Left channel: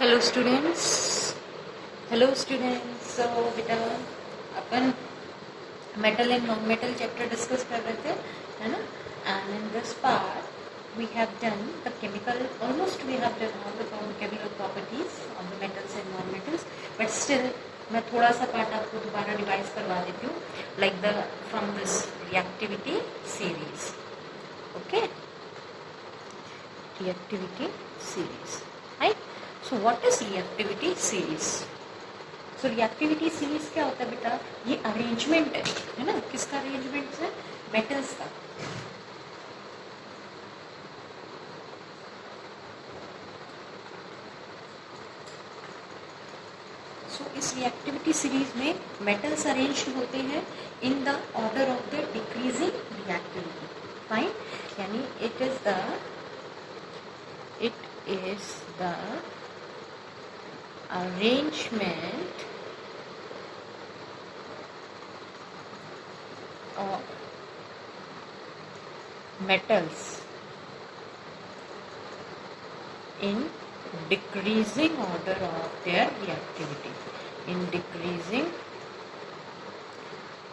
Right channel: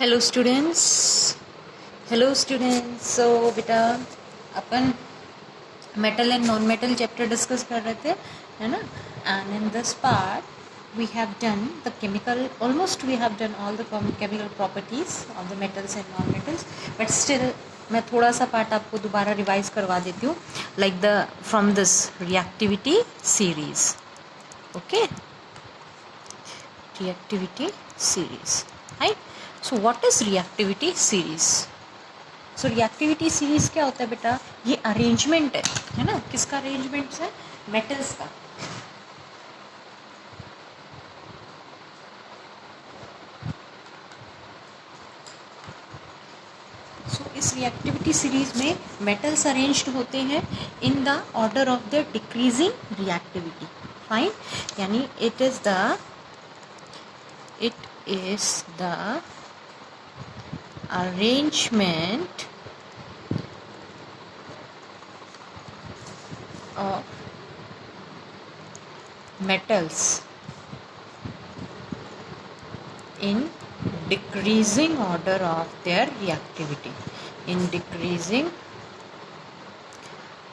Hello students. So बेटा अपन metal and non metal chapter discuss कर रहे थे, है ना। And in this part we have done the chemical, almost we have done all the chemical properties of the metals and non metals, but still मैं थोड़ा सा part आपको दोबारा रिवाइज करवा देती हूँ, like the from this reactivity series. Okay, reactivity series, right? So what is reactivity series? So reactivity series क्या होता है बेटा? ये अरेंजमेंट है ना। किसका अरेंजमेंट है? मेटल्स का। So इस रिएक्टिविटी सीरीज में मेटल्स अरेंज्ड होते हैं in the order of the decreasing reactivity. Fine, यानी it is the arrangement of metals in decreasing order of their reactivity, in decreasing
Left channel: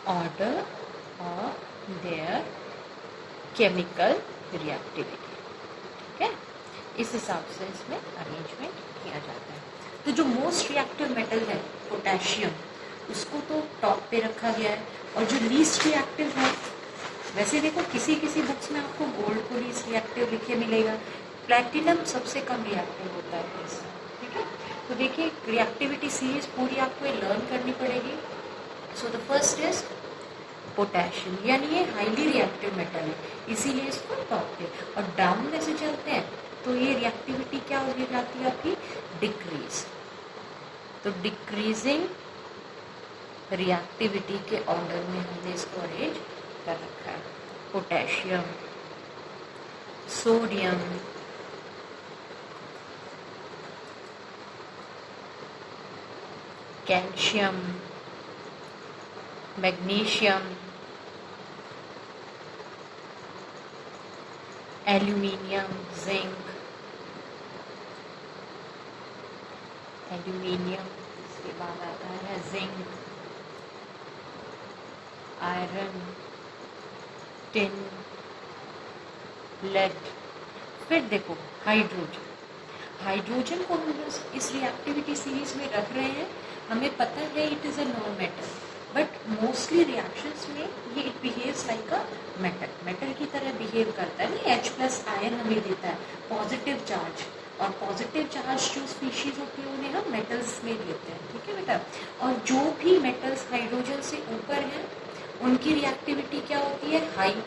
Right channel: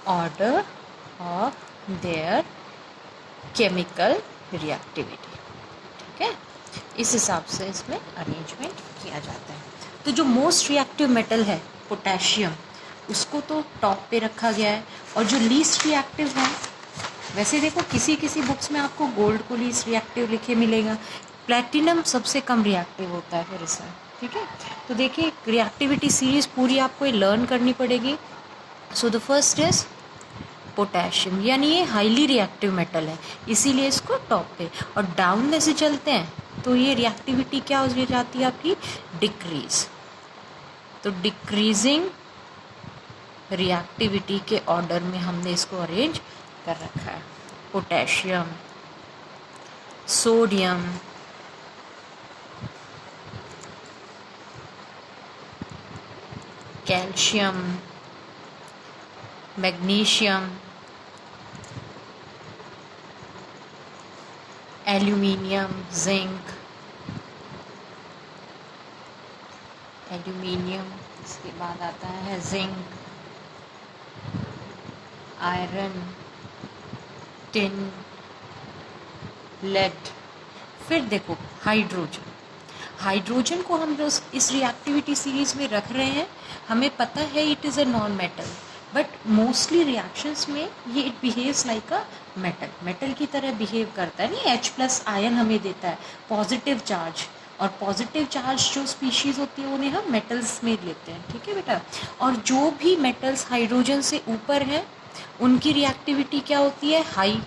order of their chemical reactivity। ठीक है, इस हिसाब से इसमें अरेंजमेंट किया जाता है। तो जो मोस्ट रिएक्टिव मेटल है पोटेशियम, उसको तो टॉप पे रखा गया है, और जो लीस्ट रिएक्टिव है, वैसे देखो किसी किसी बुक्स में आपको गोल्ड को लीस्ट रिएक्टिव लिखे मिलेगा, प्लैटिनम सबसे कम रिएक्टिव होता है फिर इसमें। ठीक है, तो देखिए रिएक्टिविटी सीरीज पूरी आपको ये लर्न करनी पड़ेगी। So the first is potassium, यानी ये हाईली रिएक्टिव मेटल है, इसीलिए इसको टॉप पे। और डाउन में से चलते हैं तो ये रिएक्टिविटी क्या हो जाती है आपकी? डिक्रीज। तो डिक्रीजिंग रिएक्टिविटी के ऑर्डर में हमने इसको अरेंज कर रखा है। Potassium, sodium, calcium, magnesium, aluminium, zinc, aluminium, इसके बाद आता है जिंक, आयरन, टिन, लेड। फिर देखो हाइड्रोजन। हाइड्रोजन को हम इस रिएक्टिविटी सीरीज में रख रहे हैं, हमें पता है it is a non metal, but mostly reactions में ये it behaves like a metal, metal की तरह बिहेव करता है। नहीं, H+ आयन हमें देता है पॉजिटिव चार्ज, और पॉजिटिव चार्ज जो स्पीशीज़ होती है उन्हें हम मेटल्स में लेते हैं। ठीक है बेटा, और जो भी मेटल्स हाइड्रोजन से ऊपर हैं उनकी रिएक्टिविटी क्या होती है? हाई।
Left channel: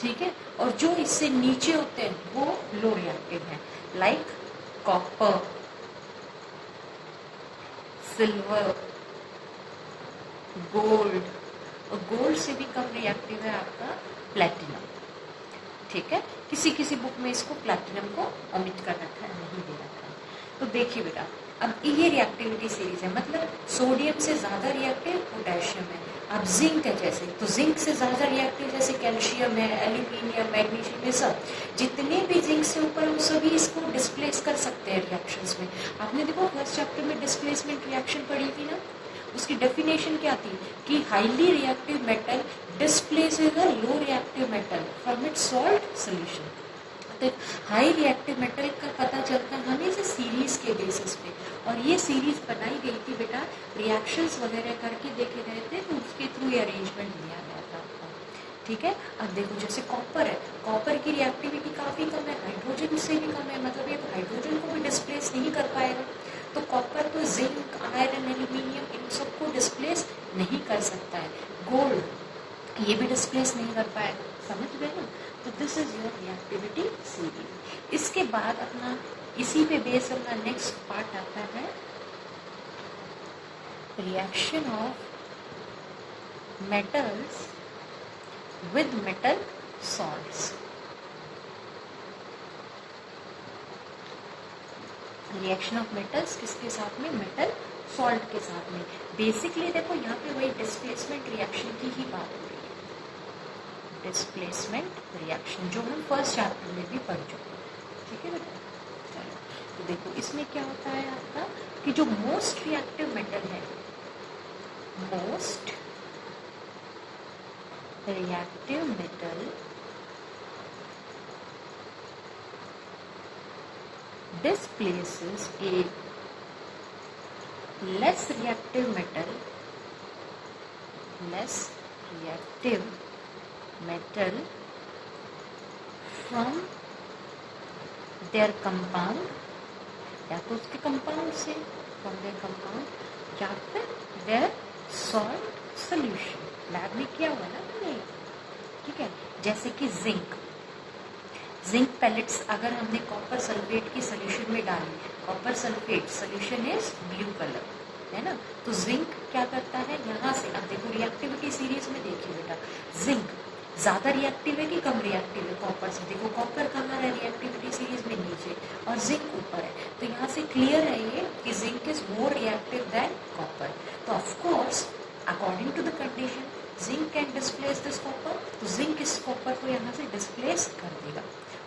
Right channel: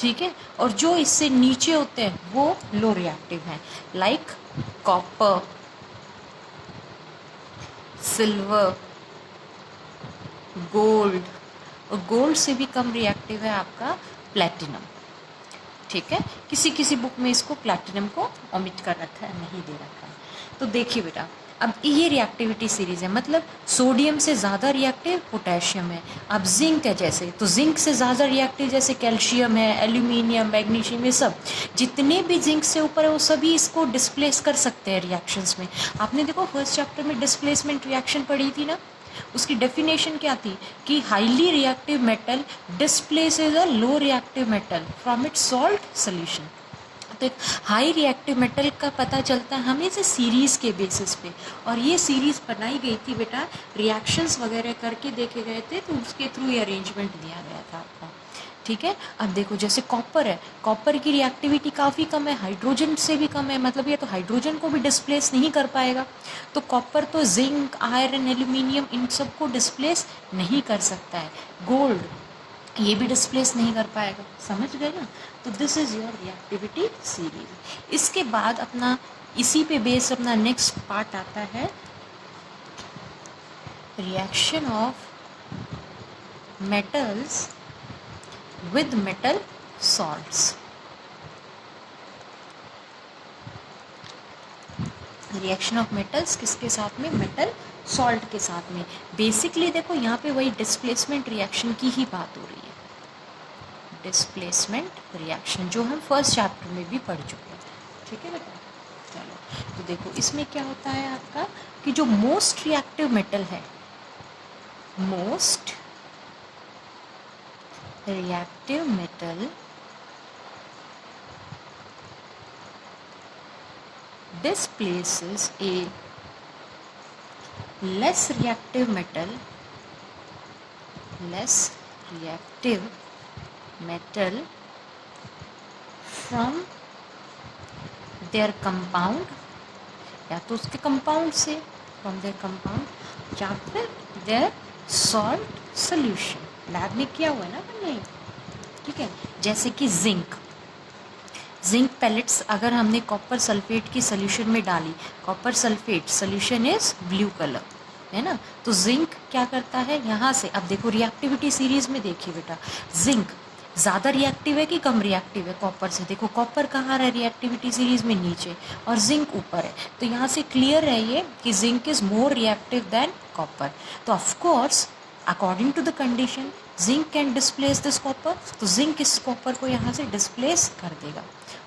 ठीक है, और जो इससे नीचे होते हैं वो लो रिएक्टिव हैं, लाइक कॉपर, सिल्वर, गोल्ड, और गोल्ड से भी कम रिएक्टिव है आपका प्लैटिनम। ठीक है, किसी किसी बुक में इसको प्लैटिनम को ओमिट कर रखा है, नहीं दे रखा है। तो देखिए बेटा, अब ये रिएक्टिविटी सीरीज है, मतलब सोडियम से ज़्यादा रिएक्टिव पोटेशियम है। अब जिंक है जैसे, तो जिंक से ज़्यादा रिएक्टिव जैसे कैल्शियम है, एल्यूमिनियम, मैग्नीशियम, ये सब जितने भी जिंक से ऊपर है वो सभी इसको डिस्प्लेस कर सकते हैं रिएक्शंस में। आपने देखो फर्स्ट चैप्टर में डिस्प्लेसमेंट रिएक्शन पढ़ी थी ना, उसकी डेफिनेशन क्या थी कि highly reactive metal displaces a low reactive metal from its salt solution. तो हाई रिएक्टिव मेटल का पता चलता है हमें से सीरीज़ के बेसिस पे, और ये सीरीज़ बनाई गई थी बेटा, रिएक्शंस वगैरह करके देखे गए थे, तो उसके थ्रू ये अरेंजमेंट दिया गया था आपको। ठीक है, अब देखो जैसे कॉपर है, कॉपर की रिएक्टिविटी काफ़ी कम है, हाइड्रोजन से भी कम है, मतलब ये तो हाइड्रोजन को भी डिस्प्लेस नहीं कर पाएगा। तो कॉपर तो जिंक, आयरन, एल्यूमिनियम, इन सब को डिस्प्लेस नहीं कर सकता है। गोल्ड ये भी डिस्प्लेस नहीं कर पाएगा, समझ गए ना। तो this is your reactivity series. इसके बाद अपना इसी पे बेस अपना नेक्स्ट पार्ट आता है reaction of metals with metal salts. Reaction of metals किसके साथ में? मेटल सॉल्ट के साथ में। बेसिकली देखो यहाँ पे वही डिस्प्लेसमेंट रिएक्शन की ही बात हो रही है, डिस्प्लेसमेंट रिएक्शन जो हम फर्स्ट चैप्टर में भी पढ़ चुके हैं। ठीक है बेटा, चलो तो देखो इसमें क्या होता है आपका कि जो मोस्ट रिएक्टिव मेटल है, most reactive metal displaces a less reactive metal from their compound, या तो उसके कंपाउंड से, फ्रॉम देयर कंपाउंड, या फिर देयर सॉल्ट सोल्यूशन। लैब में किया हुआ है ना मैंने, ठीक है। जैसे कि जिंक पैलेट्स अगर हमने कॉपर सल्फेट की सोल्यूशन में डाली, copper sulphate solution is blue colour, है ना। तो जिंक क्या करता है यहाँ से, अब देखो रिएक्टिविटी सीरीज में देखिए बेटा, जिंक ज़्यादा रिएक्टिव है कि कम रिएक्टिव है कॉपर से। देखो कॉपर कहाँ है रिएक्टिविटी सीरीज में, नीचे, और जिंक ऊपर है। तो यहाँ से क्लियर है ये कि zinc is more reactive than copper. तो of course according to the condition zinc can displace this copper, तो जिंक इस कॉपर को यहाँ से डिस्प्लेस कर देगा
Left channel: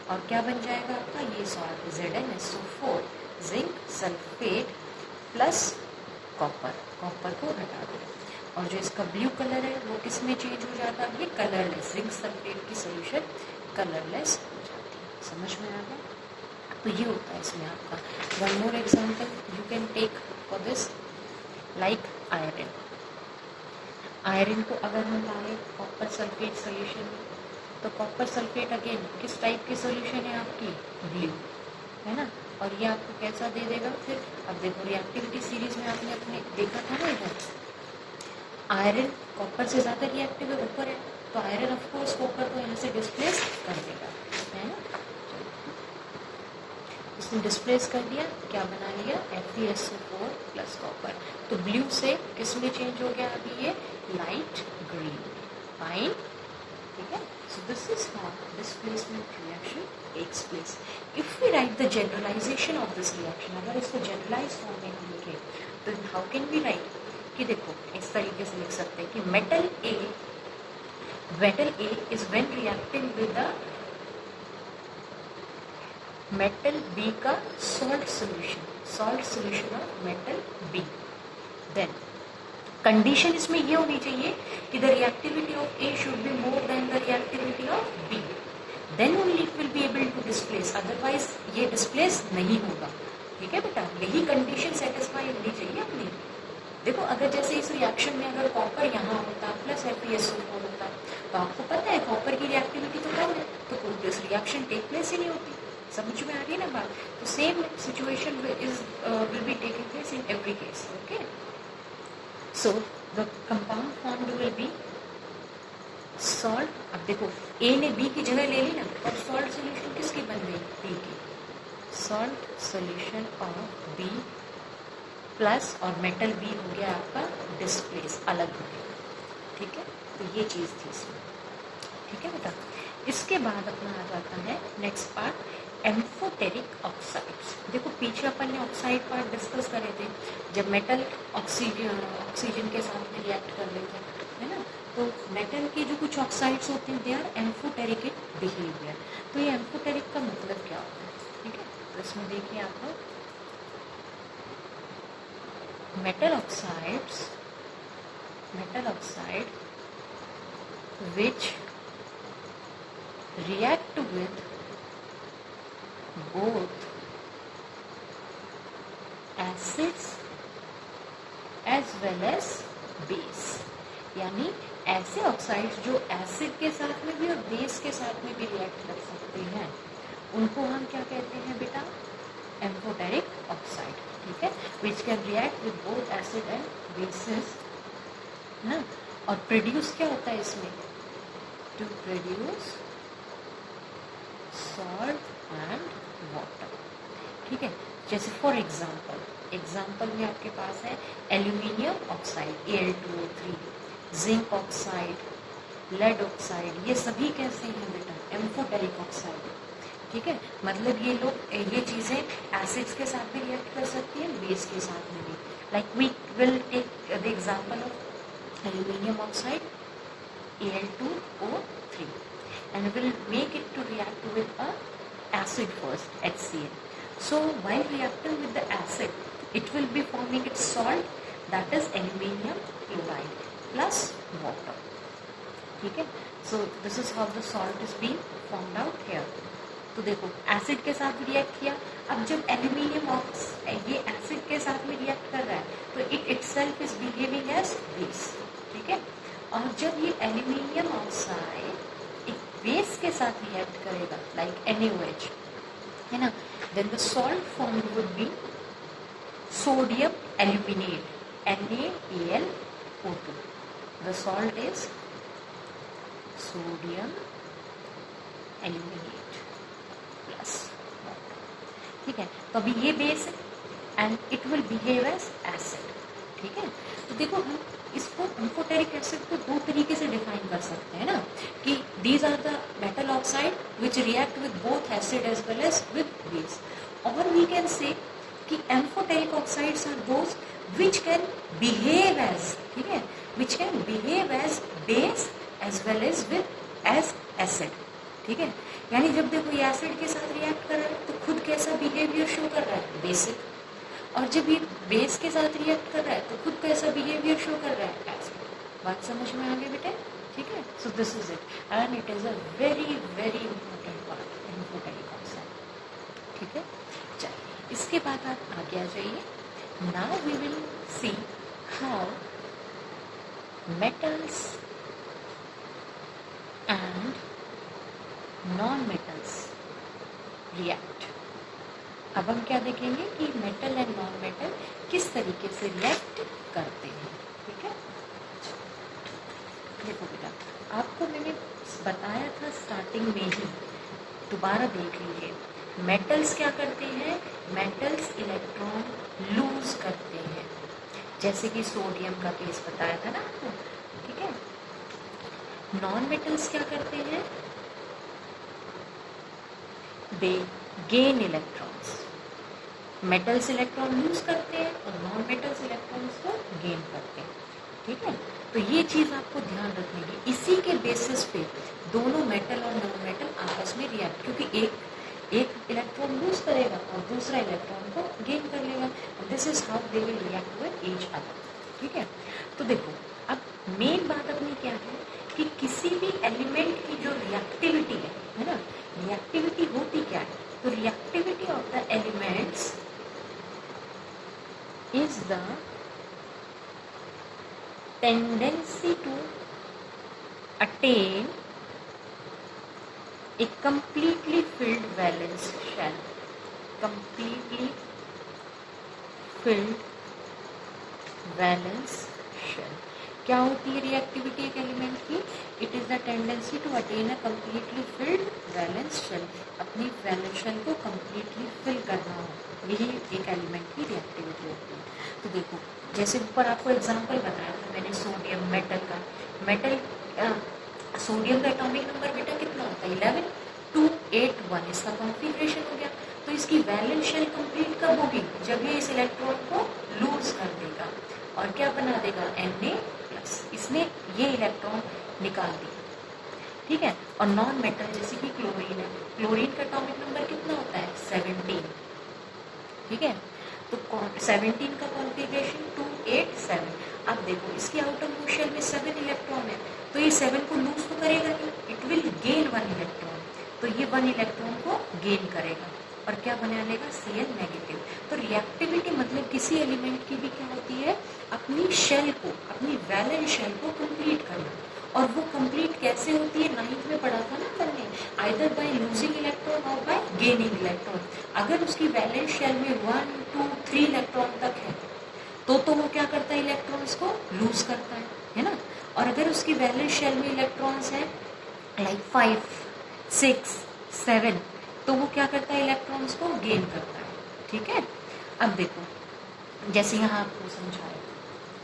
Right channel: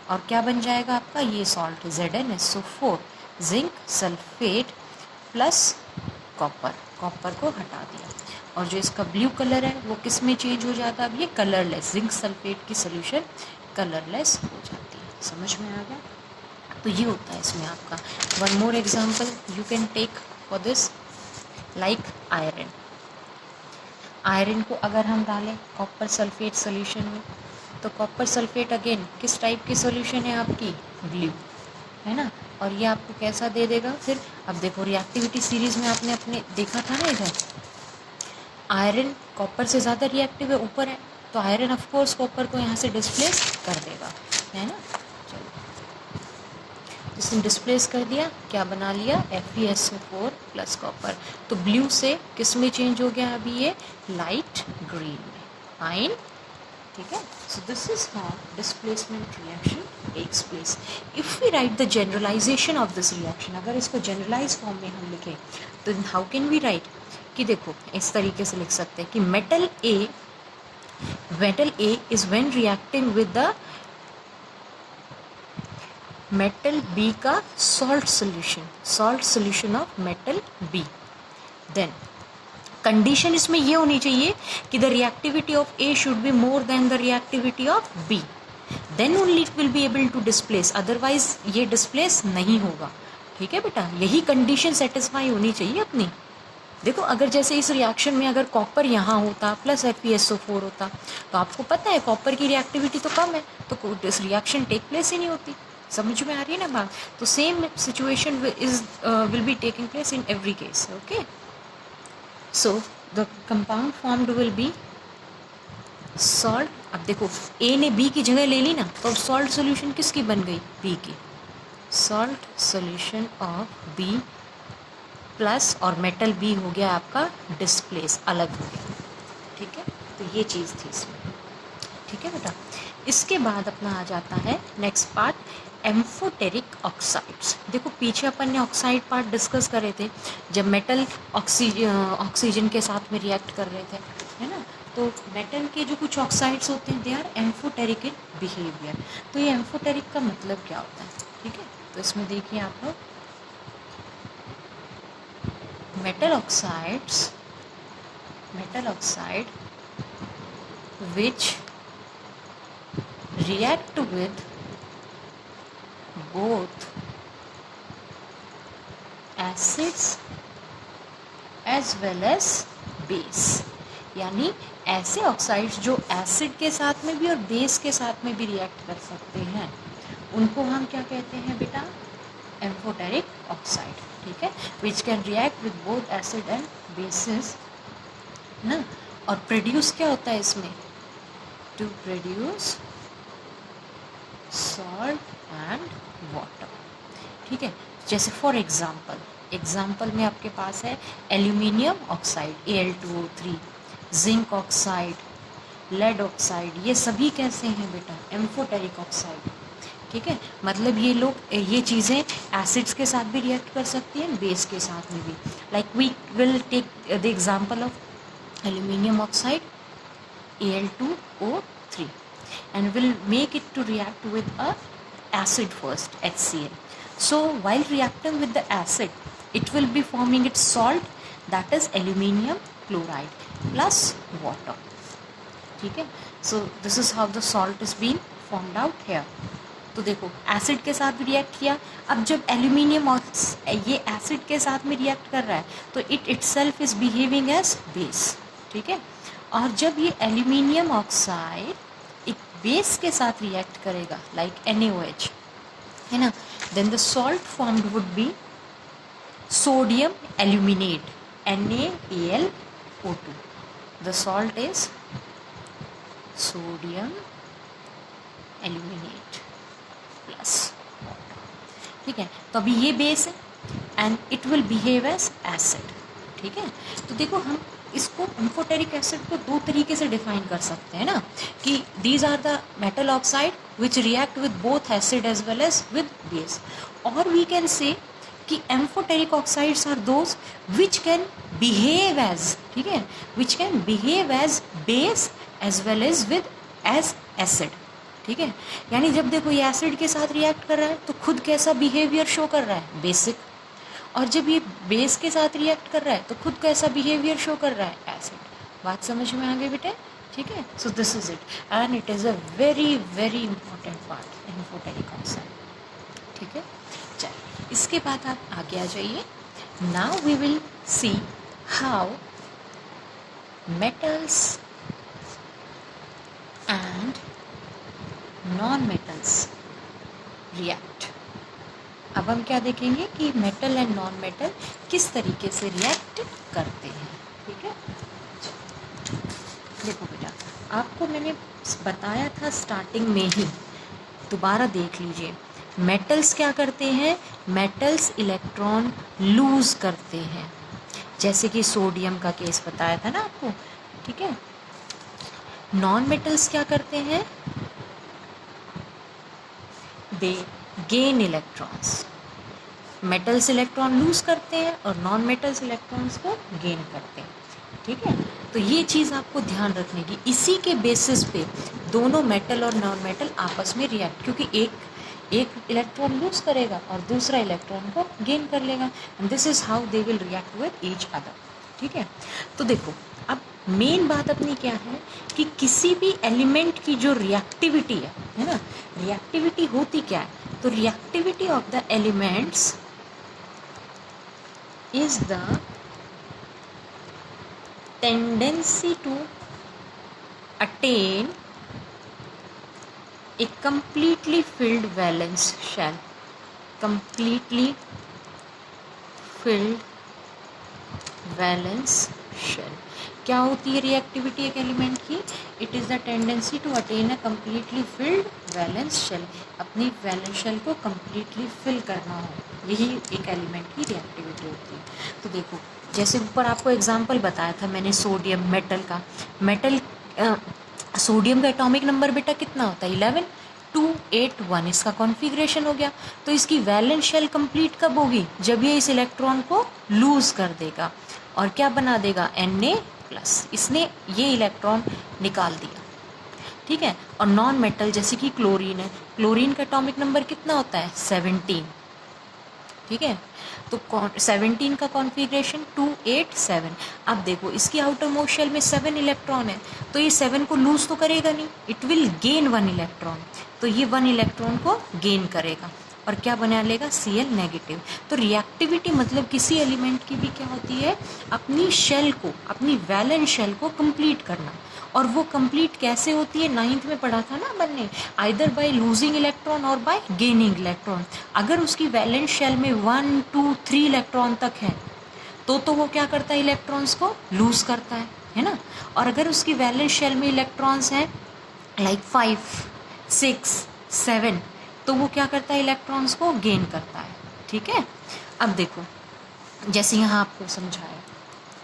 और क्या बन जाएगा आपका ये salt ZnSO4, zinc sulphate plus copper, copper को हटा दिया। और जो इसका ब्लू कलर है वो किस में चेंज हो जाता है, अब ये कलरलेस, जिंक सल्फेट की सोल्यूशन कलरलेस हो जाती है। समझ में आ गया। तो ये होता है इसमें आपका। One more example you can take for this, like iron. Iron को अगर हम डालें कॉपर सल्फेट सोल्यूशन में, तो कॉपर सल्फेट अगेन किस टाइप की सोल्यूशन है आपकी, ब्लू, है ना। और ये आपको कैसा दे देगा फिर, अब देखो रिएक्टिविटी सीरीज में आपने अपने देखा था ना, इधर आयरन कॉपर से ज़्यादा रिएक्टिव है, ऊपर है, तो आयरन ऑफ कोर्स कॉपर को यहाँ से डिस्प्लेस कर देगा, है ना। चलो इसने डिस्प्लेस कर दिया, क्या बना लिया, FeSO4 प्लस कॉपर। तो ब्लू से किस में चेंज हो गया अभी ये, लाइट ग्रीन, फाइन, ठीक है। So this is how displacement reaction takes place. If we write the generalisation of this reaction, अगर इसको जनरलाइज फॉर्म में हम लिखें तो हाउ कैन वी राइट, कि देखो इस तरीके से लिख सकते हैं कि metal A is when reacting with the metal B का salt solution of metal B, then condition इसमें ये होनी चाहिए कि the reactivity of A should be more than the reactivity of B, then only it will be able to displace, otherwise ये displace नहीं होगा, ठीक है बेटा। यही कंडीशन सेटिस्फाई होनी चाहिए अपनी। देखो अगर जैसे इस रिएक्शन में अगर कॉपर यहाँ होता प्लस FeSO4 होता, तो आपको पता है कॉपर की रिएक्टिविटी तो कम है, तो इस रिएक्शन टेक प्लेस ही नहीं होती। समझ में आ रही है ना बात। तो same situation will be taking place in every case, okay. So the compound formed will be salt. अब देखो ए ने बी की जगह ले ली ना, तो अब सॉल्ट सोल्यूशन किसकी बन गई, बी की, salt solution of B plus, और मेटल बी हो गया आपका डिस्प्लेस, अलग हो गया, ठीक है। तो ये चीज़ थी इसमें, ठीक है बेटा। इसके बाद अपना आ जाता है नेक्स्ट पार्ट, एम्फोटेरिक ऑक्साइड्स। देखो पीछे अपन ने ऑक्साइड पार्ट डिस्कस करे थे जब मेटल ऑक्सीजन के साथ में रिएक्ट कर रहे थे, है ना। तो मेटल के जो कुछ ऑक्साइड्स होते हैं they are amphoteric in behaviour. तो ये एम्फोटेरिक का मतलब क्या होता है, ठीक है। तो इसमें देखिए आप लोग, metal oxide which react with both acids as well as base, यानी ऐसे ऑक्साइड्स जो एसिड के साथ में भी और बेस के साथ में भी रिएक्ट कर सकते हैं, उनको हम क्या कहते हैं बेटा, एम्फोटेरिक ऑक्साइड, ठीक है। Which can react with both acid and bases ना। और प्रोड्यूस क्या होता है इसमें, to produce salt and water, ठीक है। जैसे फॉर एग्जाम्पल में आपके पास है aluminium oxide Al2O3, zinc oxide, lead oxide, ये सभी कैसे हैं बेटा, एम्फोटेरिक ऑक्साइड, ठीक है। मतलब ये लोग ये चीज़ें एसिड्स के साथ भी रिएक्ट कर सकती हैं, बेस के साथ में भी। Like we will take the example of aluminium oxide Al2O3 and will make it to react with a acid first, HCl. So while reacting with the acid, it will be forming its salt, that is aluminium chloride plus water. ठीक है, so this is how the salt is being formed out here. तो देखो acid के साथ react किया, अब जब aluminium ये एसिड के साथ में रिएक्ट कर रहा है तो it itself is behaving as base, ठीक है। और जब ये एल्यूमिनियम ऑक्साइड एक बेस के साथ रिएक्ट करेगा लाइक NaOH, है ना, then the salt formed would be sodium aluminate NaAlO2. The salt is sodium aluminate plus water, ठीक है। तो अभी ये बेस है and it will behave as acid, ठीक है। तो देखो हम इसको एम्फोटेरिक एसिड को दो तरीके से डिफाइन कर सकते हैं ना, कि these are the metal oxide which react with both acid as well as with base, और वी कैन से कि amphoteric oxides are those which can behave as, ठीक है, which can behave as base as well as with as acid, ठीक है। यानी जब देखो ये एसिड के साथ रिएक्ट कर रहा है तो खुद कैसा बिहेवियर शो कर रहा है, बेसिक, और जब ये बेस के साथ रिएक्ट कर रहा है तो खुद कैसा बिहेवियर शो कर रहा है, एसिड। बात समझ में आ गई बेटे, ठीक है। So this is it and it is a very very important part amphoteric oxide, ठीक है। चलिए इसके बाद आप आगे आ जाइए। Now we will see how metals and non metals react. अब हम क्या देखेंगे कि मेटल एंड नॉन मेटल किस तरीके से रिएक्ट करते हैं, ठीक है। देखो बेटा, आपको मैंने बताया था स्टार्टिंग में ही, दोबारा देख लीजिए। मेटल्स क्या करते हैं, मेटल्स इलेक्ट्रॉन लूज करते हैं, जैसे कि सोडियम का केस बताया था ना आपको, ठीक है। नॉन मेटल्स क्या करते हैं, दे gain electrons. Metals electron lose करते हैं और नॉन मेटल्स इलेक्ट्रॉन्स को गेन करते हैं, ठीक है। तो ये चीज़ आपको ध्यान रखने की, इसी के बेसिस पे दोनों मेटल और नॉन मेटल आपस में रिएक्ट, क्योंकि एक इलेक्ट्रॉन लूज करेगा और दूसरा इलेक्ट्रॉन को गेन कर लेगा, and this is how they will react with each other, ठीक है। तो देखो अब मेन बात अपनी क्या है कि किसी भी एलिमेंट की जो रिएक्टिविटी है ना, रिएक्टिविटी होती क्या है, तो reactivity of the elements is the tendency to attain a completely filled valence shell, completely filled valence shell। क्या होती है रिएक्टिविटी एक एलिमेंट की, it is the tendency to attain a completely filled valence shell, अपनी valence shell को completely fill करना हो, यही एक एलिमेंट की रिएक्टिविटी होती है। तो देखो जैसे ऊपर आपको एग्जांपल बताया था मैंने सोडियम मेटल का, मेटल सोडियम का एटॉमिक नंबर बेटा कितना होता है 11, 2, 8, 1, इसका कॉन्फ़िगरेशन हो गया। तो इसकी वैलेंस शेल कंप्लीट कब होगी, जब ये इस इलेक्ट्रॉन को लूज कर देगा और क्या बना देगा Na+, इसने ये इलेक्ट्रॉन निकाल दिया, ठीक है। और नॉन मेटल जैसे कि क्लोरीन है, क्लोरीन का एटॉमिक नंबर कितना होता है 17, ठीक है। तो 17 का कॉन्फ़िगरेशन 2, 8, 7। अब देखो इसकी आउटर मोस्ट शेल में 7 इलेक्ट्रॉन है, तो ये 7 को लूज तो करेगा नहीं, इट विल गेन 1 इलेक्ट्रॉन, तो ये 1 इलेक्ट्रॉन को गेन करेगा और क्या बना लेगा Cl नेगेटिव। तो रिएक्टिविटी मतलब किसी एलिमेंट की भी क्या होती है, अपनी शेल को, अपनी वैलेंस शेल को कंप्लीट करना, और वो कंप्लीट कैसे होती है 9th में पढ़ा था ना अपन ने, आइदर बाय लूजिंग इलेक्ट्रॉन और बाय गेनिंग इलेक्ट्रॉन। अगर उसकी वैलेंस शेल में 1, 2, 3 इलेक्ट्रॉन तक है तो वो क्या करता है, इलेक्ट्रॉन्स को लूज करता है ना। और अगर उसकी वैलेंस शेल में इलेक्ट्रॉन्स हैं लाइक 5, 6, 7, तो वो क्या करता है, इलेक्ट्रॉन्स को गेन करता है, ठीक है। अब देखो जैसे यहाँ आपको समझाया,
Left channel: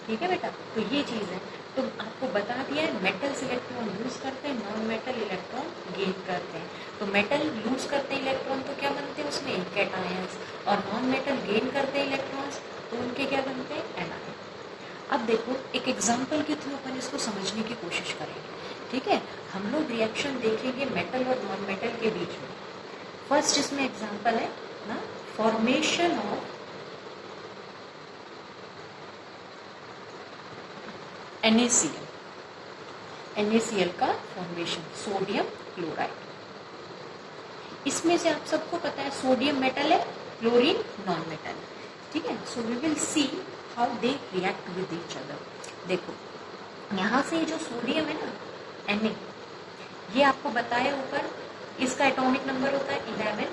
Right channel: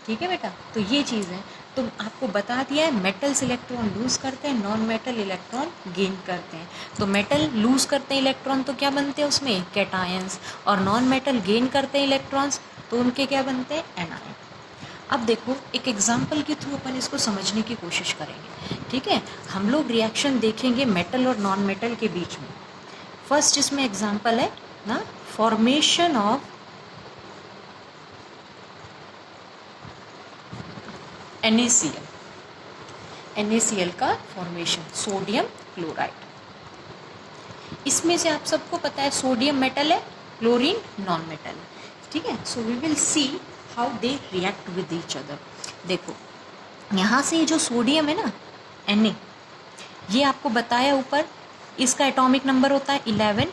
ठीक है बेटा, तो ये चीज़ है। तो आपको बता दिया है मेटल्स इलेक्ट्रॉन लूज करते हैं, नॉन मेटल इलेक्ट्रॉन गेन करते हैं। तो मेटल लूज करते हैं इलेक्ट्रॉन तो क्या बनते हैं उसमें कैटायंस, और नॉन मेटल गेन करते हैं इलेक्ट्रॉन्स तो उनके क्या बनते हैं एनायन। अब देखो एक एग्जाम्पल के थ्रू अपन इसको समझने की कोशिश करेंगे, ठीक है। हम लोग रिएक्शन देखेंगे मेटल और नॉन मेटल के बीच में। फर्स्ट इसमें एग्जाम्पल है ना फॉर्मेशन ऑफ NaCl, NaCl का फॉर्मेशन, सोडियम क्लोराइड। इसमें से आप सबको पता है सोडियम मेटल है, क्लोरीन नॉन मेटल है, ठीक है। So we will see how they react with each other. देखो यहाँ से जो सोडियम है ना Na, ये आपको बताया ऊपर, इसका एटॉमिक नंबर होता है 11,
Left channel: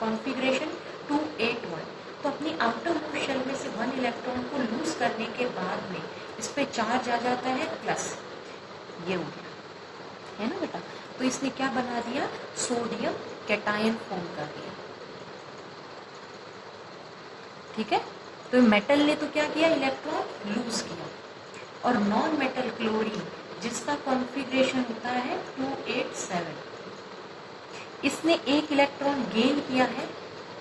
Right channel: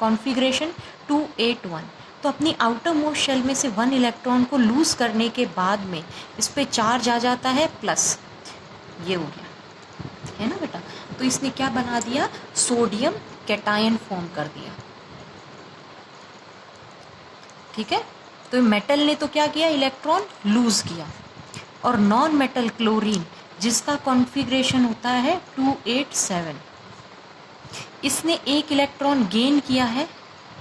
कॉन्फ़िगरेशन 281। तो अपनी आउटर मोस्ट शेल में से 1 इलेक्ट्रॉन को लूज़ करने के बाद में इस पर चार्ज आ जाता है प्लस, ये हो गया है ना बेटा। तो इसने क्या बना दिया, सोडियम कैटायन फॉर्म कर दिया, ठीक है। तो मेटल ने तो क्या किया, इलेक्ट्रॉन लूज किया। और नॉन मेटल क्लोरीन जिसका कॉन्फ़िगरेशन होता है 287, इसने एक इलेक्ट्रॉन गेन किया है,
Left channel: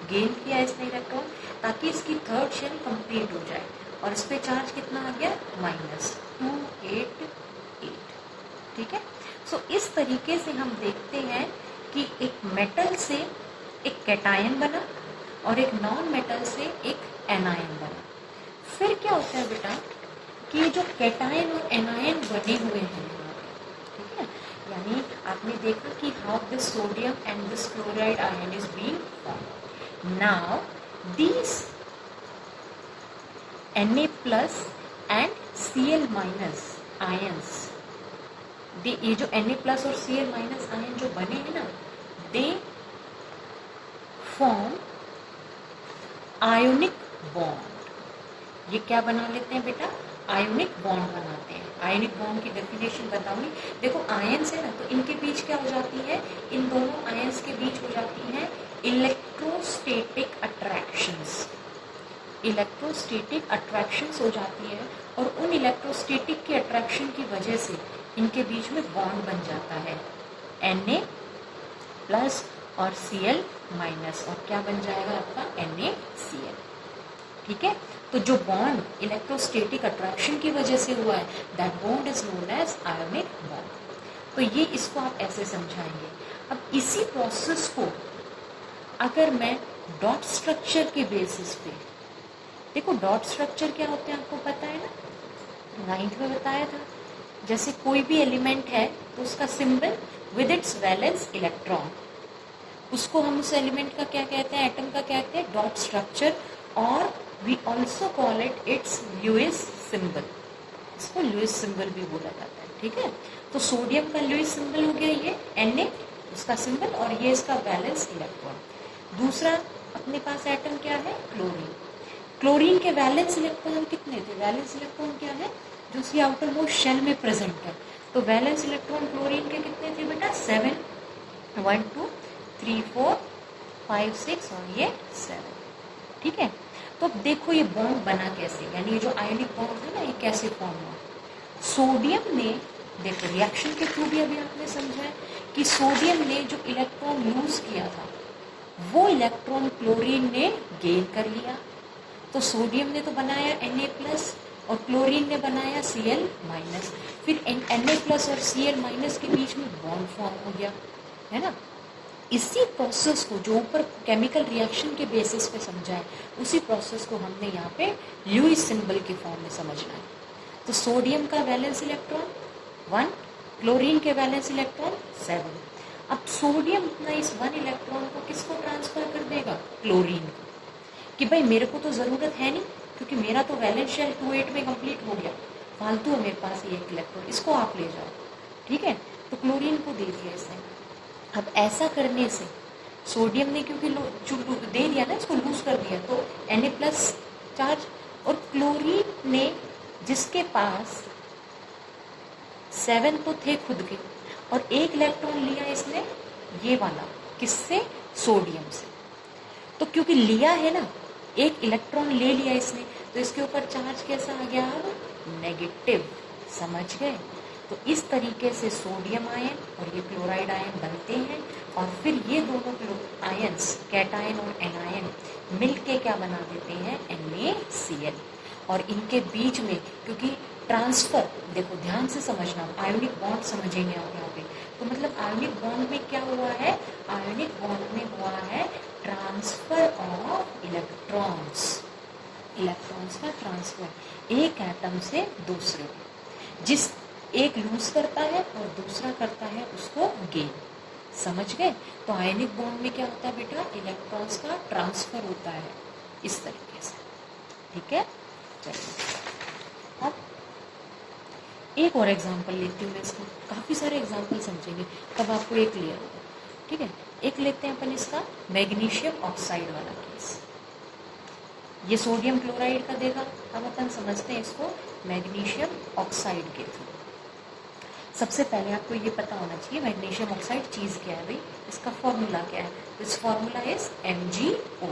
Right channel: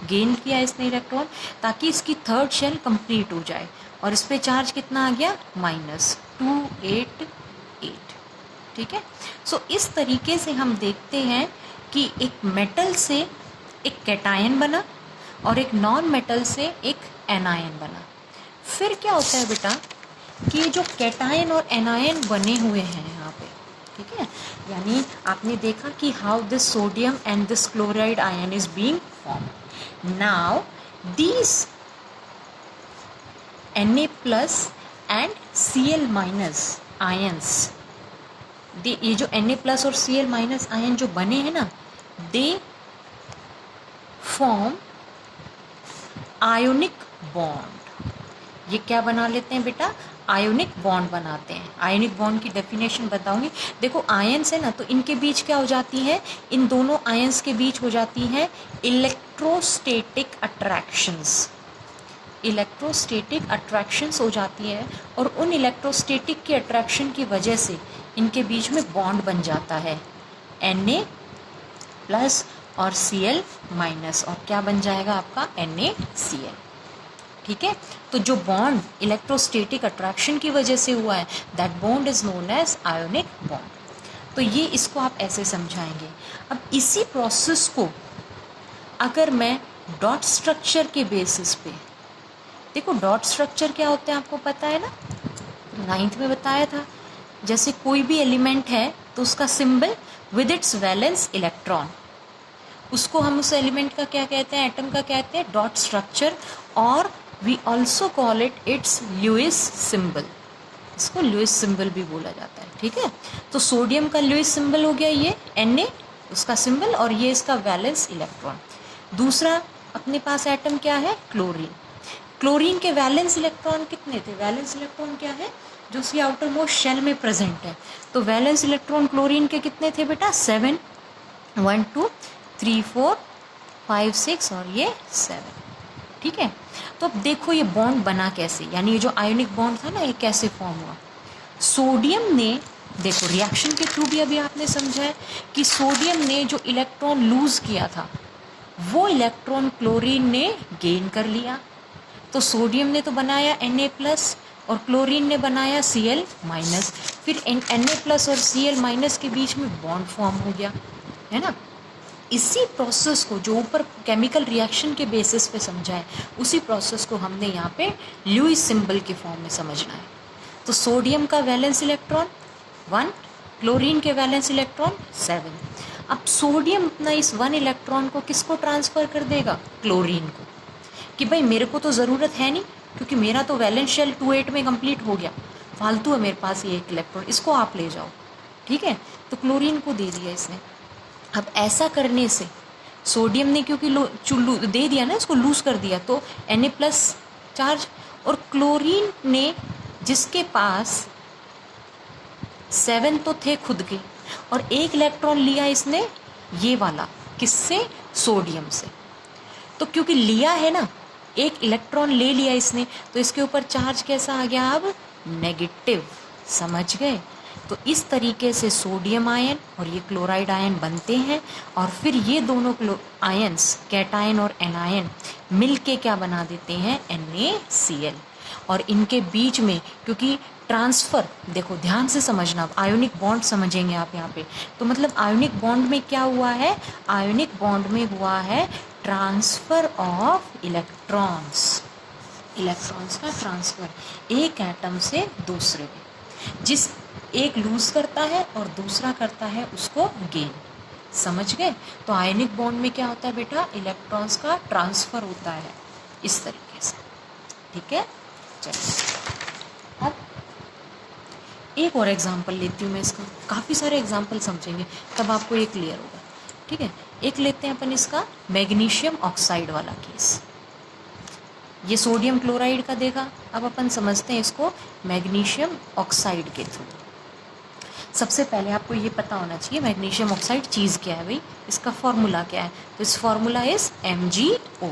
गेन किया इसने इलेक्ट्रॉन, ताकि इसकी थर्ड शेल कंप्लीट हो जाए। और इस पे चार्ज कितना आ गया, -288, ठीक है। सो इस तरीके से हम देखते हैं कि एक मेटल से एक कैटायन बना और एक नॉन मेटल से एक एनायन बना। फिर क्या होता है बेटा कि जो कैटायन और एनायन बने हुए हैं यहाँ पे, ठीक है, यानी आपने देखा कि how this sodium and this chloride ion is being form. Now these Na plus and Cl minus ions, ये जो Na प्लस और Cl माइनस आयन जो बने हैं ना, दे फॉर्म आयोनिक बॉन्ड। ये क्या बना लेते हैं बेटा, आयोनिक बॉन्ड बनाते हैं। आयोनिक बॉन्ड की डेफिनेशन बताऊंगी। देखो आयंस है ना, तो इनके बीच क्या हो जाती है, इन दोनों आयंस के बीच हो जाती है इलेक्ट्रोस्टैटिक अट्रैक्शंस। इलेक्ट्रोस्टैटिक अट्रैक्शंस हो जाती है और उन इलेक्ट्रोस्टैटिक की अट्रैक्शन की वजह से इनके बीच में बॉन्ड बन जाता है Na प्लस और Cl माइनस, और क्या बन जाएगा आपका NaCl, ठीक है। तो जो बॉन्ड इलेक्ट्रोस्टैटिक अट्रैक्शन की वजह से हुआ है, that bond is known as ionic bond. तो ये इसको आप ऐसे समझाएंगे। अब इसी प्रोसेस को अगर मैं डॉट स्ट्रक्चर के बेसिस पे, देखो डॉट स्ट्रक्चर क्या होते हैं आपको पता है ना, 9th में बताया था। जैसे कोई भी एलिमेंट है तो उसका symbol with its valence electron, उसको हम उस एलिमेंट का क्या कहते हैं, एटम का कहते हैं डॉट स्ट्रक्चर, और we also call it its Lewis symbol. इसको लुईस सिंबल भी बोला जाता है, ठीक है। तो सोडियम का लुईस सिंबल हो गया ये Na, उसका सिंबल, और ये इसका वैलेंस इलेक्ट्रॉन। दूसरा अपने पास एटम क्या है, क्लोरीन। क्लोरीन के वैलेंस इलेक्ट्रॉन कितने थे, वैलेंस इलेक्ट्रॉन क्या है, जो उसकी आउटर मोस्ट शेल में प्रेजेंट है। तो वैलेंस इलेक्ट्रॉन क्लोरीन के कितने थे बेटा, 7, 1 2 3 4 5 6 और ये 7, ठीक है। तो अब देखो ये बॉन्ड बना कैसे, यानी ये जो आयोनिक बॉन्ड था ना, ये कैसे फॉर्म हुआ। सोडियम ने, देखो रिएक्शन के थ्रू भी अभी आपने समझा है कि सोडियम ने जो इलेक्ट्रॉन लूज किया था वो इलेक्ट्रॉन क्लोरीन ने गेन कर लिया। तो सोडियम ने तो बनाया Na प्लस और क्लोरीन ने बनाया Cl माइनस। फिर Na प्लस और Cl माइनस के बीच में बॉन्ड फॉर्म हो गया, है ना। इसी प्रोसेस को जो ऊपर केमिकल रिएक्शन के बेसिस पे समझा है, उसी प्रोसेस को हमने यहाँ पे लुईस सिंबल के फॉर्म में समझना है। तो सोडियम का वैलेंस इलेक्ट्रॉन 1, क्लोरीन के वैलेंस इलेक्ट्रॉन 7। अब सोडियम अपना इस 1 इलेक्ट्रॉन को किसको ट्रांसफ़र कर देगा, क्लोरीन को, कि भाई मेरे को तो ज़रूरत है नहीं, क्योंकि मेरा तो वैलेंस शेल 28 में कंप्लीट हो गया, फालतू है मेरे पास ये एक इलेक्ट्रॉन, इसको आप ले जाओ, ठीक है। तो क्लोरीन को दे दिया इसने। अब ऐसा करने से सोडियम ने क्योंकि दे दिया ना, इसको लूज कर दिया, तो Na प्लस चार्ज, और क्लोरीन ने जिसके पास 7 तो थे खुद के, और एक इलेक्ट्रॉन लिया इसने ये वाला, किससे, सोडियम से। तो क्योंकि लिया है ना, एक इलेक्ट्रॉन ले लिया इसने, तो इसके ऊपर चार्ज कैसा आ गया, अब नेगेटिव, समझ गए। तो इस तरीके से सोडियम आयन और ये क्लोराइड आयन बनते हैं, और फिर ये दोनों आयंस कैटायन और एनायन मिलके क्या बना देते हैं, NaCl। और इनके बीच में, क्योंकि ट्रांसफ़र, देखो ध्यान से समझना, आयोनिक बॉन्ड समझेंगे आप यहाँ पे। तो मतलब आयोनिक बॉन्ड में क्या हुआ है, आयोनिक बॉन्ड में हुआ है ट्रांसफ़र ऑफ इलेक्ट्रॉन्स, इलेक्ट्रॉन्स का ट्रांसफ़र एक एटम से दूसरे में। जिस एक लूज करता है और दूसरा करता है उसको गेन। समझ गए? तो आयनिक बॉन्ड में क्या होता है बेटा, इलेक्ट्रॉन्स का ट्रांसफ़र होता है इस तरीके से। ठीक है, चलिए अब एक और एग्जांपल लेती हूँ मैं इसका। काफ़ी सारे एग्जांपल समझेंगे तब आपको ये क्लियर होगा। ठीक है, एक लेते हैं अपन इसका मैग्नीशियम ऑक्साइड वाला केस। ये सोडियम क्लोराइड का देगा, अब अपन समझते हैं इसको मैग्नीशियम ऑक्साइड के थ्रू। सबसे पहले आपको ये पता होना चाहिए मैग्नीशियम ऑक्साइड चीज़ क्या है भाई, इसका फॉर्मूला क्या है। तो इस फॉर्मूला इज MgO।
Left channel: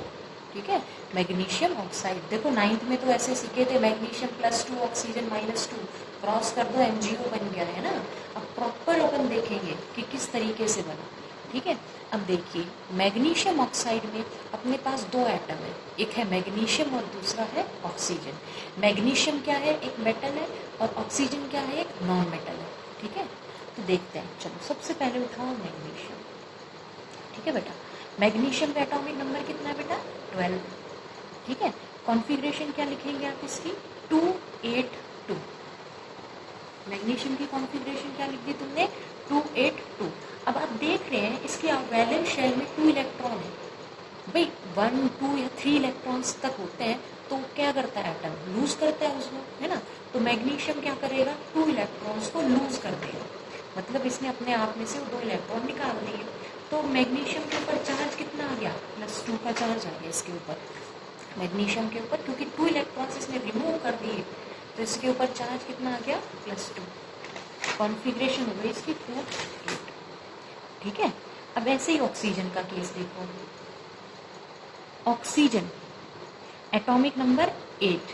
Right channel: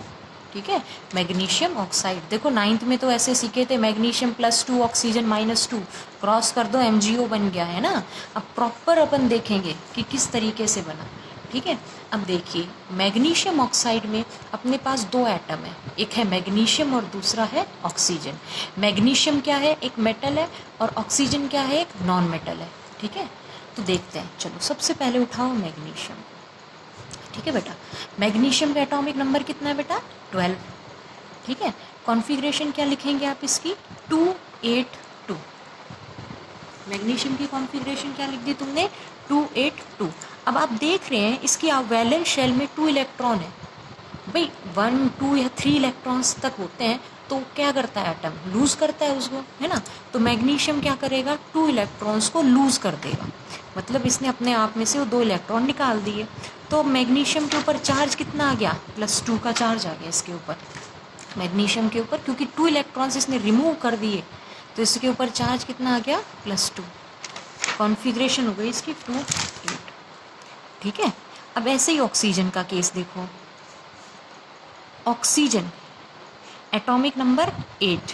ठीक है, मैग्नीशियम ऑक्साइड, देखो 9th में तो ऐसे सीखे थे, मैग्नीशियम +2 ऑक्सीजन -2, क्रॉस कर दो MgO बन गया है ना। अब प्रॉपर अपन देखेंगे कि किस तरीके से बना। ठीक है, अब देखिए मैग्नीशियम ऑक्साइड में अपने पास दो एटम है, एक है मैग्नीशियम और दूसरा है ऑक्सीजन। मैग्नीशियम क्या है, एक मेटल है, और ऑक्सीजन क्या है, एक नॉन मेटल है। ठीक है, तो देखते हैं, चलो सबसे पहले उठाओ मैग्नीशियम। ठीक है बेटा, मैग्नीशियम का एटॉमिक नंबर कितना है बेटा, 12। ठीक है, कॉन्फ़िगरेशन क्या लिखेंगे आप इसकी, 282। मैग्नीशियम की कॉन्फ़िगरेशन क्या लिख दी तुमने, 282। अब आप देख रहे हैं इसकी वैलेंस शेल में 2 इलेक्ट्रॉन है भाई, 1, 2 या 3 इलेक्ट्रॉन्स तक होते हैं। तो क्या करता है एटम, लूज़ करता है उसको, है ना। तो मैग्नीशियम क्या करेगा, 2 इलेक्ट्रॉन्स को लूज़ कर देगा, मतलब इसने अपने आप में से वो 2 इलेक्ट्रॉन निकाल दिए। तो मैग्नीशियम के ऊपर चार्ज कितना आ गया, +2 का चार्ज आ गया इसके ऊपर, मैग्नीशियम के ऊपर, क्योंकि 2 इलेक्ट्रॉन्स इसने रिमूव कर दिए तो इसके ऊपर चार्ज कितना आ गया, +2। कॉन्फ़िगरेशन हो गई इसकी 2, 8। ठीक है, अब ऐसे ही ऑक्सीजन का केस देखो। ऑक्सीजन एटॉमिक नंबर 8,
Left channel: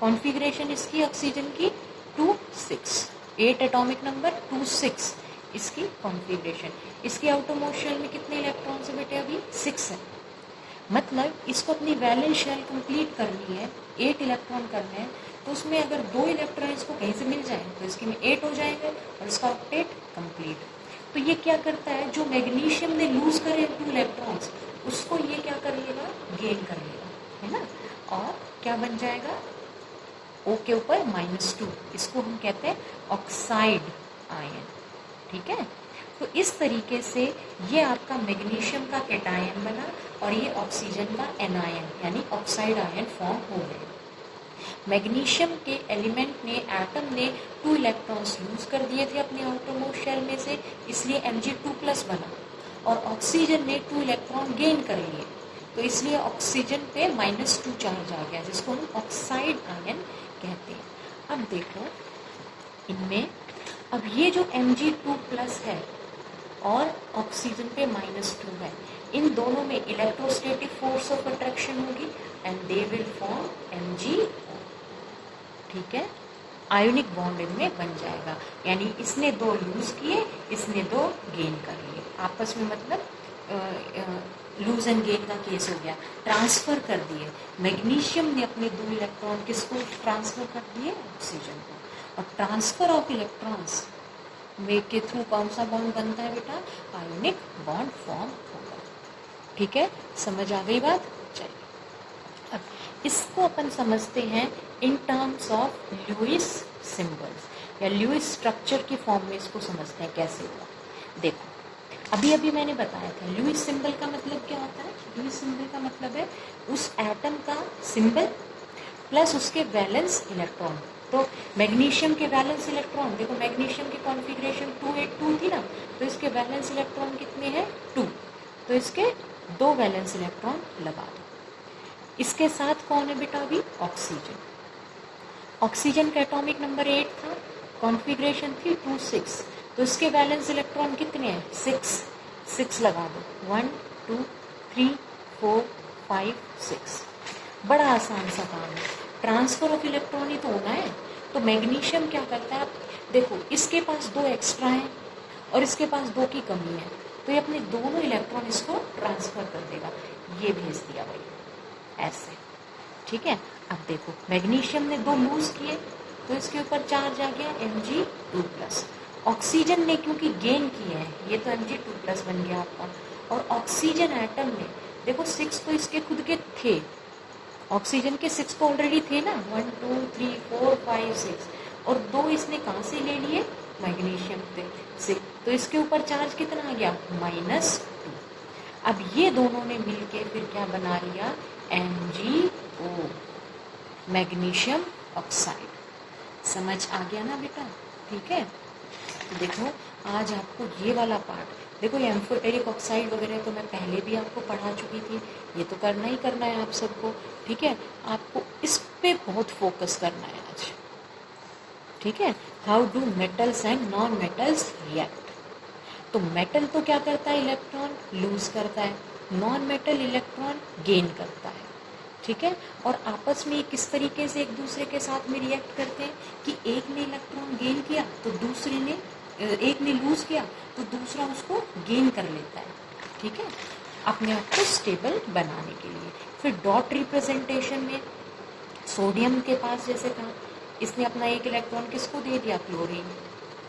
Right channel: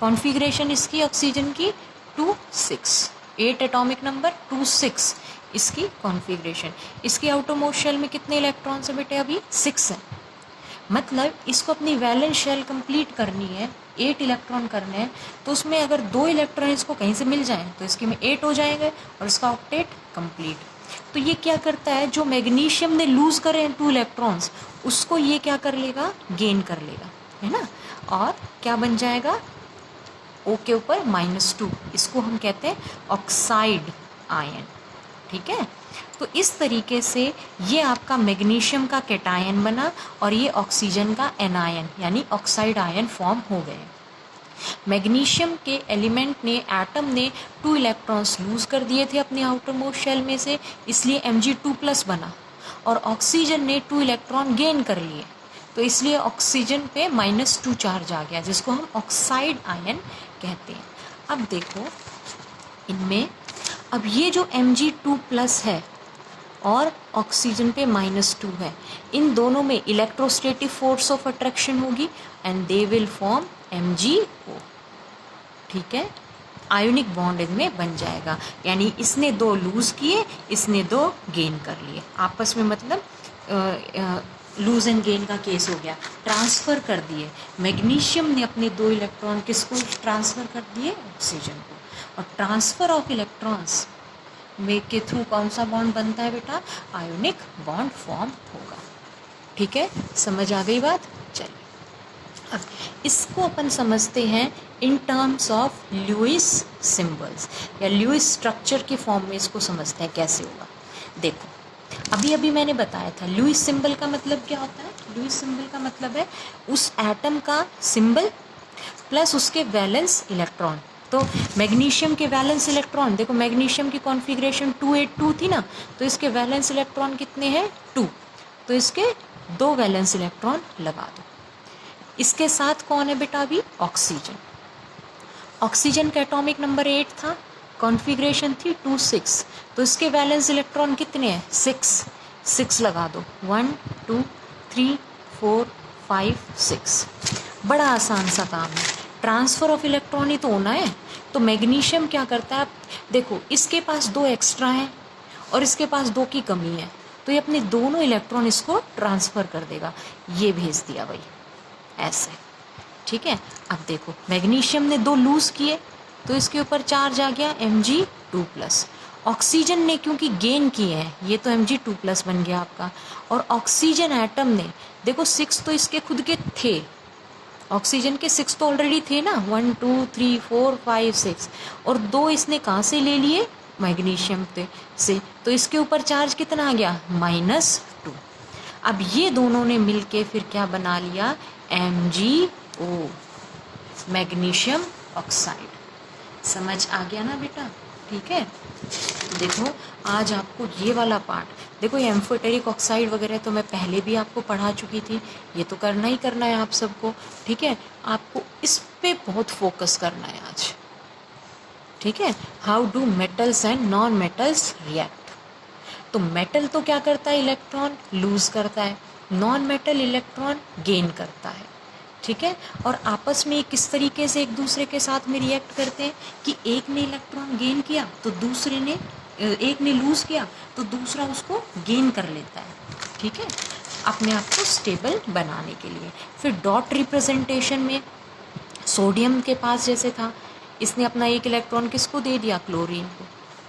कॉन्फ़िगरेशन इसकी ऑक्सीजन की 2, 6, 8 एटॉमिक नंबर, 2, 6 इसकी कॉन्फ़िगरेशन। इसकी आउटरमोस्ट शेल में कितने इलेक्ट्रॉन्स है बेटे, अभी 6 है। मतलब इसको अपनी वैलेंस शेल कंप्लीट करनी है, 8 इलेक्ट्रॉन करने हैं, तो उसमें अगर 2 इलेक्ट्रॉन इसको कहीं से मिल जाएं तो इसके में 8 हो जाएंगे और इसका ऑक्टेट कंप्लीट। तो ये क्या करता है, जो मैग्नीशियम ने लूज़ करे हैं 2 इलेक्ट्रॉन्स, उसको ये क्या कर लेगा, गेन कर लेगा, है ना। और क्या बन जाएगा, O के ऊपर -2, इसको हम कहते हैं ऑक्साइड आयन। ठीक है, तो इस तरीके से ये आपका मैग्नीशियम का कैटायन बना और ये ऑक्सीजन का एनायन यानी ऑक्साइड आयन फॉर्म हो गए। मैग्नीशियम के एलिमेंट ने, एटम ने 2 इलेक्ट्रॉन्स लूज़ कर दिए थे अपने आउटर मोस्ट शेल में से, इसलिए Mg2+ बना, और ऑक्सीजन ने 2 इलेक्ट्रॉन गेन कर लिए, तो इसलिए ऑक्सीजन पे -2 चार्ज आ गया, जिसको हम ऑक्साइड आयन कहते हैं। अब देखो इनमें, अब ये जो Mg2+ है और ऑक्सीजन पे -2 है, इन दोनों में इलेक्ट्रोस्टैटिक फोर्स ऑफ अट्रैक्शन होगी and they will form MgO। ठीक है, आयोनिक बॉन्ड इनमें बन जाएगा, यानी इसने 2 लूज़ किए, इसने 2 गेन कर लिए आपस में, मतलब लूज एंड गेन का केस हो गया, ट्रांसफ़र कर दिए। मैग्नीशियम ने अपने 2 इलेक्ट्रॉन किसको ट्रांसफ़र कर दिए, ऑक्सीजन को। और ट्रांसफ़र ऑफ इलेक्ट्रॉन्स में के थ्रू कौन सा बॉन्ड बनता है बेटा, आयोनिक बॉन्ड फॉर्म होगा। ठीक है, समझ आ गई बात। चलिए अब इसको अपन समझते हैं in terms of Lewis symbols, या लुईस स्ट्रक्चर की फॉर्म में इसको समझते हैं कैसे होगा। देखो अभी अभी मैंने बताया था लुईस सिंबल का मतलब क्या होता है। लुईस सिंबल का मतलब है उस एटम का सिंबल प्लस उसके वैलेंस इलेक्ट्रॉन। तो मैग्नीशियम के वैलेंस इलेक्ट्रॉन, देखो मैग्नीशियम की कॉन्फ़िगरेशन 282 थी ना, तो इसके वैलेंस इलेक्ट्रॉन कितने हैं, 2, तो इसके 2 वैलेंस इलेक्ट्रॉन लगा दो। इसके साथ कौन है बेटा, अभी ऑक्सीजन। ऑक्सीजन का एटॉमिक नंबर 8 था, कॉन्फ़िगरेशन थी 2, 6, तो इसके वैलेंस इलेक्ट्रॉन कितने हैं, 6, 6 लगा दो, 1, 2, 3, 4, 5, 6। बड़ा आसान सा काम है, ट्रांसफ़र ऑफ इलेक्ट्रॉन ही तो होना है। तो मैग्नीशियम क्या करता है, देखो इसके पास 2 एक्स्ट्रा हैं और इसके पास 2 की कमी है, तो ये अपने दोनों इलेक्ट्रॉन इसको ट्रांसफ़र कर देगा। ये भेज दिया भाई ऐसे, ठीक है। अब देखो मैग्नीशियम ने 2 लूज़ किए तो इसके ऊपर चार्ज आ गया Mg2+। ऑक्सीजन ने क्योंकि गेन किए हैं ये तो Mg2+ बन गया आपका। और ऑक्सीजन एटम ने देखो 6 तो इसके खुद के थे, ऑक्सीजन के 6 तो ऑलरेडी थे ना, 1 2 3 4 5 6, और 2 इसने कहाँ से ले लिए, मैग्नीशियम से, तो इसके ऊपर चार्ज कितना आ गया -2। अब ये दोनों ने मिलके फिर क्या बना लिया, MgO, मैग्नीशियम ऑक्साइड। समझ आ गया ना बेटा, ठीक है। तो देखो आज आपको ये वाला पार्ट, देखो ये एम्फोटेरिक ऑक्साइड वगैरह तो मैं पहले भी आपको पढ़ा चुकी थी, ये तो करना ही करना है आप सबको, ठीक है। आपको इस पे बहुत फोकस करना है आज, ठीक है। How do metals and non metals react. तो मेटल तो क्या करता है, इलेक्ट्रॉन लूज करता है, नॉन मेटल इलेक्ट्रॉन गेन करता है, ठीक है। और आपस में किस तरीके से एक दूसरे के साथ में रिएक्ट करते हैं कि एक ने इलेक्ट्रॉन गेन किया तो दूसरे ने, एक ने लूज़ किया तो दूसरा उसको गेन कर लेता है, ठीक है, अपने आप को स्टेबल बनाने के लिए। फिर डॉट रिप्रेजेंटेशन में सोडियम के पास जैसे था, इसने अपना एक इलेक्ट्रॉन किसको दे दिया, क्लोरीन को,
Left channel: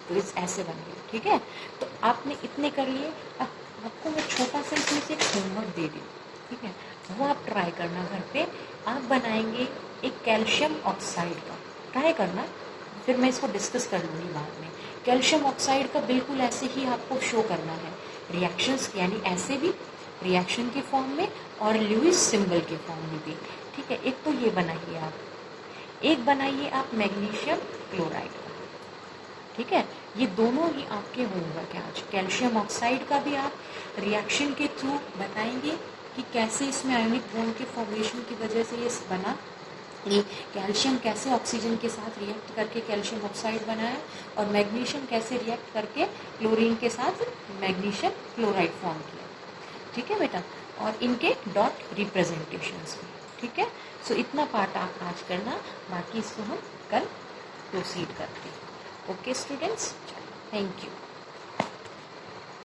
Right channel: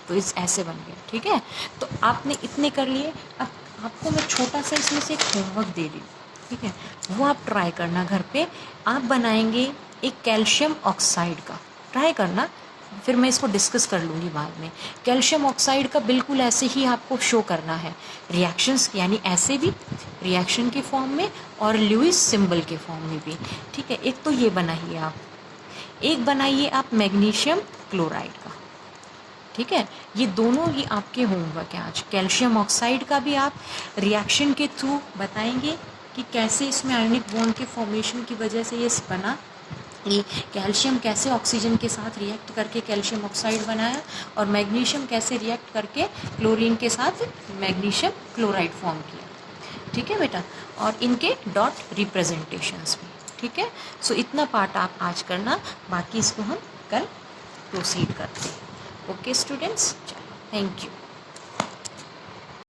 तो इस ऐसे बन गया, ठीक है। तो आपने इतने कर लिए। अब आपको मैं छोटा सा इसमें से एक होमवर्क दे रही हूँ, ठीक है, वो आप ट्राई करना घर पे। आप बनाएंगे एक कैल्शियम ऑक्साइड का, ट्राई करना, फिर मैं इसको डिस्कस कर लूँगी बाद में। कैल्शियम ऑक्साइड का बिल्कुल ऐसे ही आपको शो करना है, रिएक्शंस यानी ऐसे भी रिएक्शन के फॉर्म में और लुईस सिंबल के फॉर्म में भी, ठीक है। एक तो ये बनाइए आप, एक बनाइए आप मैग्नीशियम क्लोराइड का, ठीक है। ये दोनों ही आपके होमवर्क है आज। कैल्शियम ऑक्साइड का भी आप रिएक्शन के थ्रू बताएंगे कि कैसे इसमें आयनिक बॉन्ड के फॉर्मेशन की वजह से ये बना, ये कैल्शियम कैसे ऑक्सीजन के साथ रिएक्ट करके कैल्शियम ऑक्साइड बनाया, और मैग्नीशियम कैसे रिएक्ट करके क्लोरीन के साथ मैग्नीशियम क्लोराइड फॉर्म किया, ठीक है बेटा। और इनके डॉट रिप्रेजेंटेशंस भी, ठीक है। सो इतना पार्ट आप आज करना, बाकी इसको हम कल प्रोसीड करते हैं। Okay students, thank you.